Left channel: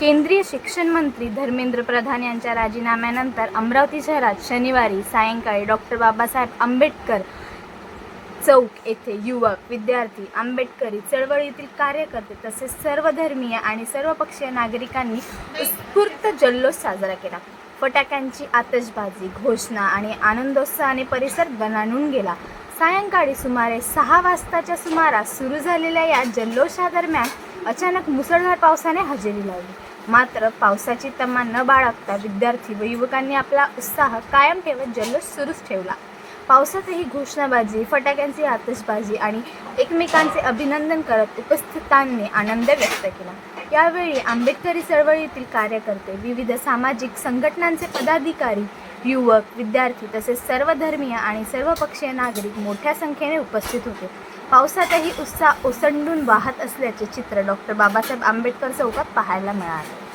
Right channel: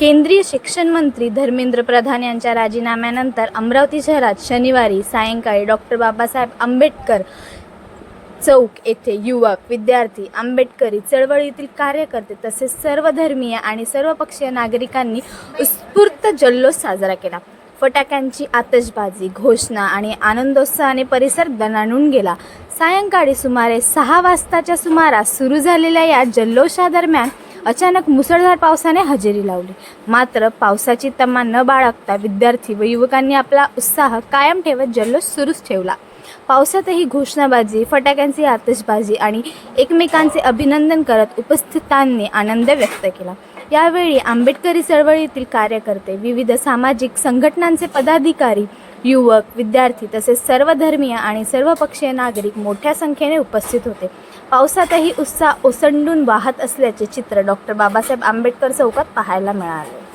केंद्रीय शिक्षण मंत्री धर्मेंद्र प्रधान यांच्या राजीनाम्यानंतर अमरावती शहरात शनिवारी सायंकाळी डॉक्टर बाबासाहेब आंबेडकर चौक येथे युवक, विद्यार्थी, आंबेडकरी चळवळीतील कार्यकर्ते तसेच सर्वधर्मीय आणि सर्वपक्षीय नागरिकांनी उत्स्फूर्त जल्लोष साजरा केला. फटाक्यांची आतषबाजी, घोषणा आणि आनंदोत्साहाने परिसर दणाणून गेला. सायंकाळी सुमारे 6 वाजताच्या सुमारास सुरू झालेल्या या जल्लोषादरम्यान अचानक मुसळधार पावसाने हजेरी लावली. मात्र पावसाची तमा न बाळगता विद्यार्थी व युवकांनी आपला उत्साह कायम ठेवत जल्लोष सुरूच ठेवला. पावसातही घोषणाबाजी, फटाक्यांची आतषबाजी आणि एकमेकांचे अभिनंदन करत उपस्थितांनी आनंद व्यक्त केला. यावेळी आंबेडकरी चळवळीतील कार्यकर्ते, विविध सामाजिक संघटनांचे पदाधिकारी, युवक, विद्यार्थी तसेच सर्वधर्मीय आणि सर्वपक्षीय नागरिक मोठ्या संख्येने उपस्थित होते. पावसातही उत्साह ओसंडून वाहत असल्याचे चित्र डॉक्टर बाबासाहेब आंबेडकर चौकात पाहायला मिळाले.